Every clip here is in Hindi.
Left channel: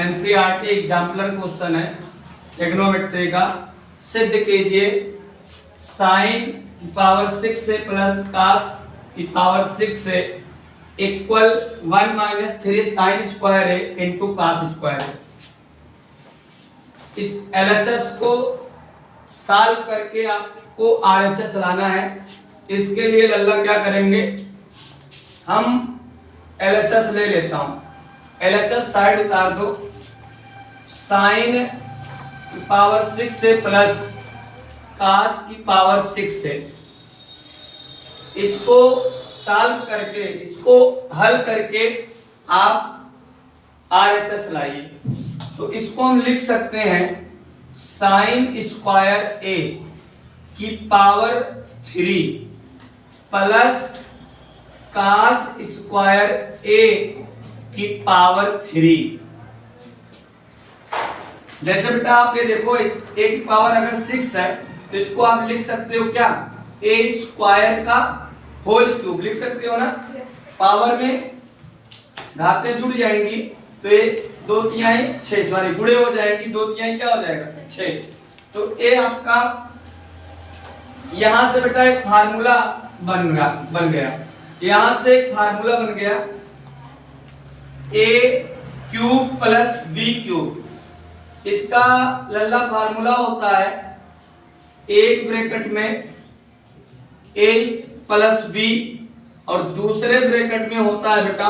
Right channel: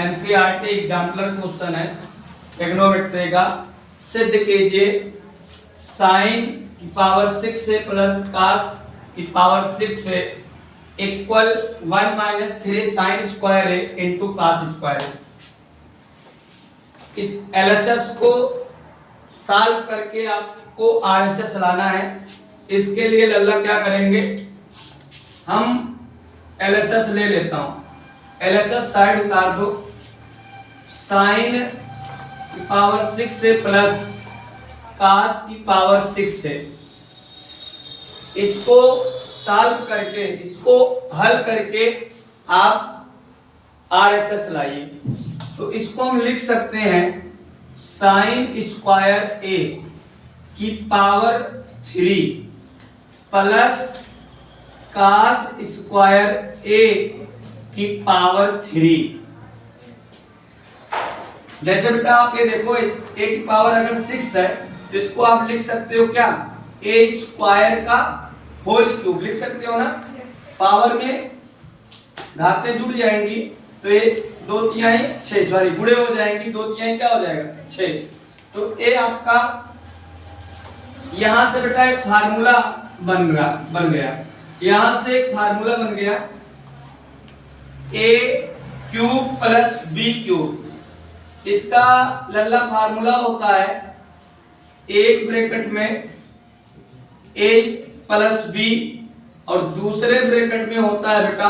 एनसीईआरटी एग्जाम्पलर क्वेश्चन है ट्रिग्नोमेट्री का। सिद्ध कीजिए साइन की पावर 6 से प्लस कास की पावर 6 से इक्वल 1 माइनस 3 साइन स्क्वायर है इंटू कास स्क्वायर है। इस एलएचएस को सॉल्व करके आपको आरएचएस लाना है। इसके लिए लल्ला क्या करेंगे, हम एलएचएस ले लेता हूं, एलएचएस साइड उतार दो। साइन की पावर 6 से प्लस कास की पावर 6 से इसको सॉल्व करके, इसको हल करके आप आरएचएस लाइए। तो इसको हम लिख सकते हैं साइन स्क्वायर ए की पावर 3 प्लस कास स्क्वायर ए की पावर 3। जैसे बेटा आप ये देखो, इस ए की पावर अगर 6 है तो इसको आप लिख सकते हो क्या, ए स्क्वायर का होल क्यूब लिख सकते हो ना। पावर में घातें जुड़ जाएंगी तो ये 2 तिहाई 6 सॉरी गुणे हो जाएंगी, 2 तिहाई क्या हो जाएगा 6। तो ए आपका यहां से बेटा एक फार्मूला बन गया, यहां से एक फार्मूला बन गया ए क्यूब प्लस बी क्यूब। इसका लल्ला फार्मूला होता है एक ब्रैकेट में ए प्लस बी और दूसरे ब्रैकेट में होता है बेटा,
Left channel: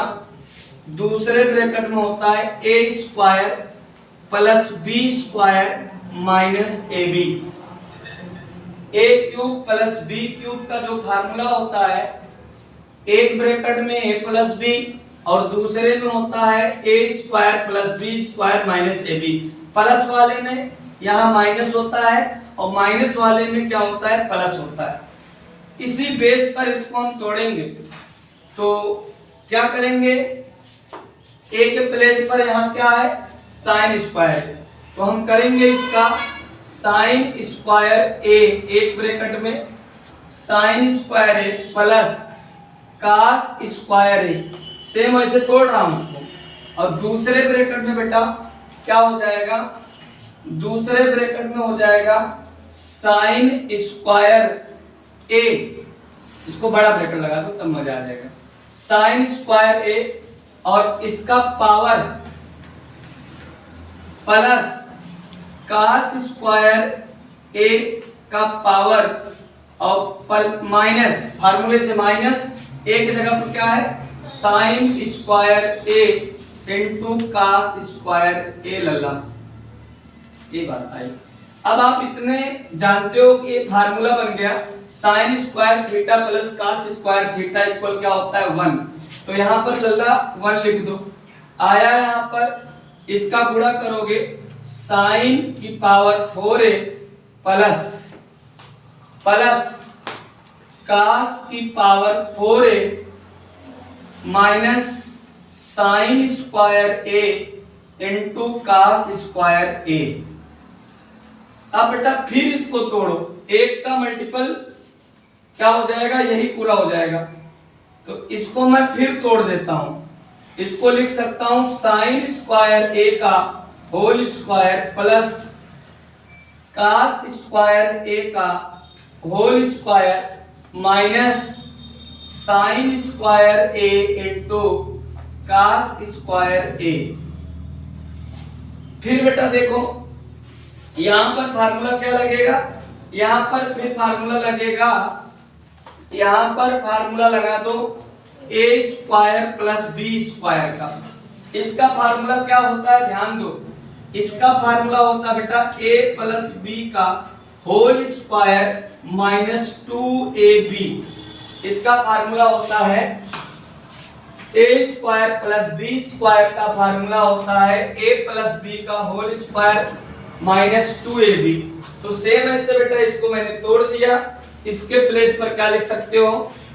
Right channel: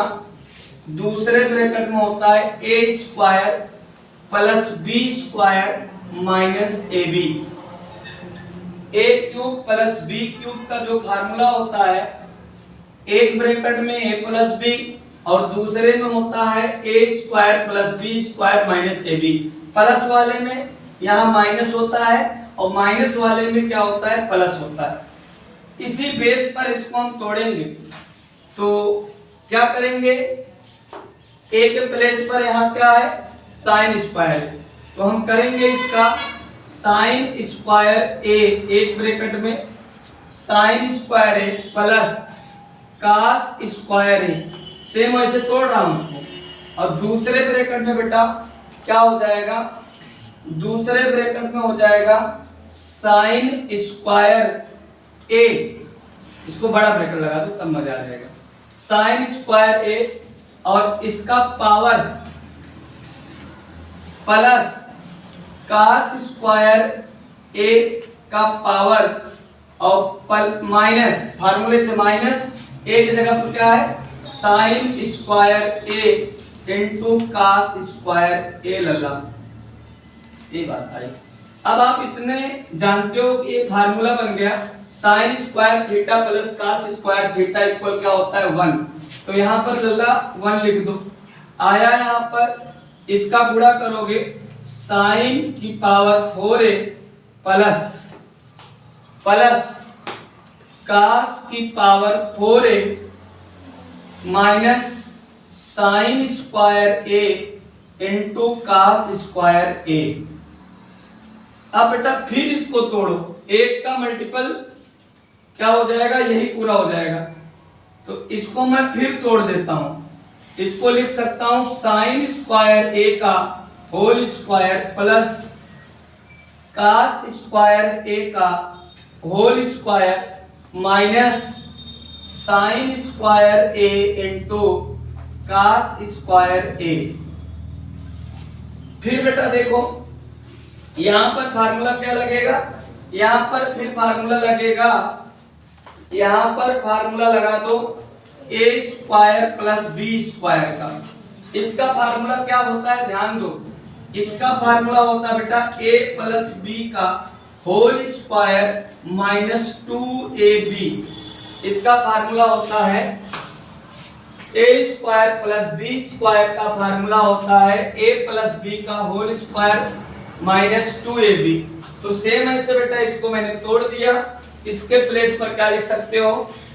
दूसरे ब्रैकेट में होता है A square plus B square minus A B. A cube plus B cube का जो फार्मूला होता है, एक ब्रैकेट में ए प्लस बी और दूसरे में होता है A square plus B square minus A B. Plus वाले में यहाँ माइनस होता है और माइनस वाले में क्या होता है, प्लस होता है। इसी बेस पर इसको हम तोड़ेंगे तो क्या करेंगे, ए के प्लेस पर यहाँ क्या है साइन स्क्वायर, तो हम करेंगे इसका साइन स्क्वायर ए, एक ब्रैकेट में साइन स्क्वायर ए प्लस कास स्क्वायर ए, सेम वैसे तोड़ रहा हूं उसको। और दूसरे ब्रैकेट में बेटा क्या हो जाएगा, दूसरे ब्रैकेट में हो जाएगा साइन स्क्वायर ए, इसको बड़ा ब्रैकेट लगा दो तब मजा आ जाएगा, साइन स्क्वायर ए और इसका power plus cos square A का पावर और माइनस, फार्मूले से माइनस ए की जगह पर क्या है sine square A into cos square ए लल्ला, ये बात आई। अब आप इतने जानते हो कि ये फार्मूला बन गया sine square theta plus cos square theta equal क्या होता है 1। तो यहाँ पर लल्ला 1 लिख दो। आया यहाँ पर इसका गुणा करोगे साइन की पावर 4a प्लस कास की power 4a minus sine square A into cos square A. अब बेटा फिर इसको तोड़ो, एक का मल्टीपल क्या हो जाएगा, यही पूरा हो जाएगा। तो इसको मैं फिर तोड़ देता हूं, इसको लिख सकता हूं साइन स्क्वायर ए का whole square plus cos square A का whole square minus sine square A into cos square A. फिर बेटा देखो यहां पर फार्मूला क्या लगेगा, यहां पर फिर फार्मूला लगेगा, यहां पर फार्मूला लगा दो ए स्क्वायर प्लस बी स्क्वायर का। इसका फार्मूला क्या होता है ध्यान दो, इसका फार्मूला होता है बेटा ए प्लस बी का होल स्क्वायर माइनस 2ab। इसका फार्मूला होता है A square plus B square का फार्मूला होता है ए प्लस बी का होल स्क्वायर माइनस 2ab। तो सेम ऐसे बेटा इसको मैंने तोड़ दिया, इसके प्लेस पर क्या लिख सकते हो,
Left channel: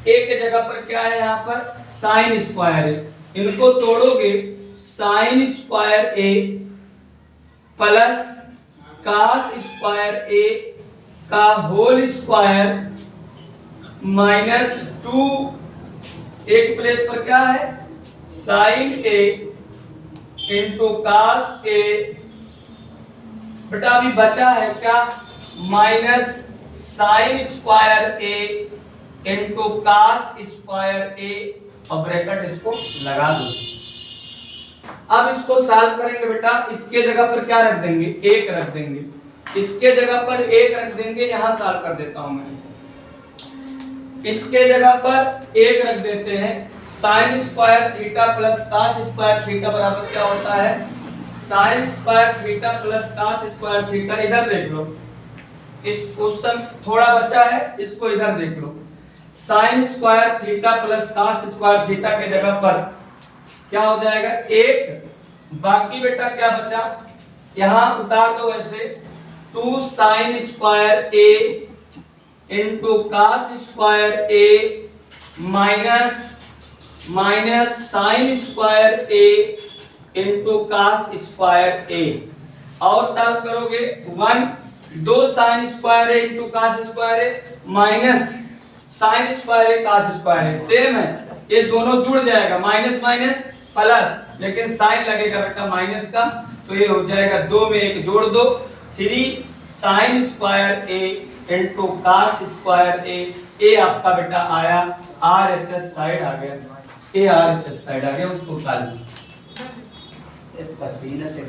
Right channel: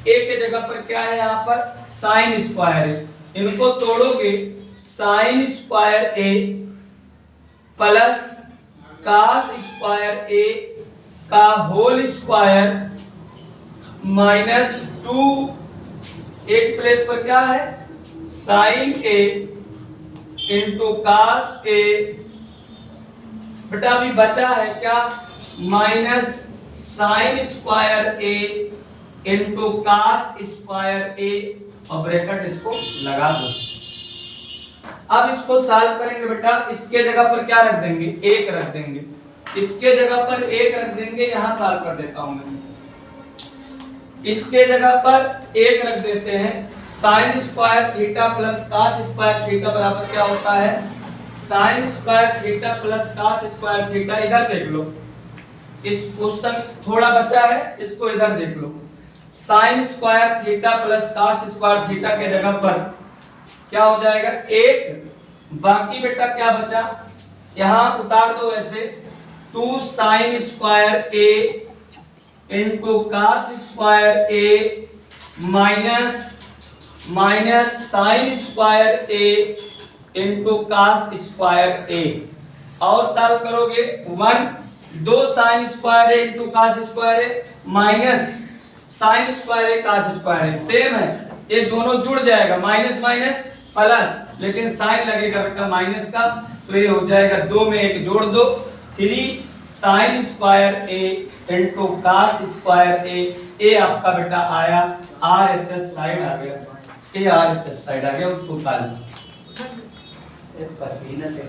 ए के जगह पर क्या है यहाँ पर साइन स्क्वायर है, इनको तोड़ोगे sign square A plus cos square A का होल स्क्वायर माइनस 2, एक प्लेस पर क्या है साइन ए इंटू कास ए, बेटा अभी बचा है क्या, minus sine square A into cos square ए, और ब्रैकेट इसको लगा दो। अब इसको सॉल्व करेंगे बेटा, इसके जगह पर क्या रख देंगे, एक रख देंगे, इसके जगह पर एक रख देंगे, यहां सॉल्व कर देता हूं मैं, इसके जगह पर एक रख देते हैं, sine square theta plus cos square theta बराबर क्या होता है, sine square theta plus cos square theta. इधर देख लो, इस क्वेश्चन थोड़ा बचा है, इसको इधर देख लो, sine square theta plus cos square theta के जगह पर क्या हो जाएगा, एक, बाकी बेटा क्या बचा, यहां उतार दो ऐसे, 2 sign square A into cos square A minus sine square A into cos square ए, और सॉल्व करोगे 1, 2 sign square A into cos square A minus sine square A cos square A, same है, ये दोनों जुड़ जाएगा, माइनस माइनस प्लस, लेकिन साइन लगेगा बेटा माइनस का, तो ये हो जाएगा 2 में 1 जोड़ दो, 3 sign square A into cos square ए, ये आपका बेटा आया RHS साइड आ गया, ये RHS साइड आ गया, उसको उतार लो, पसीने से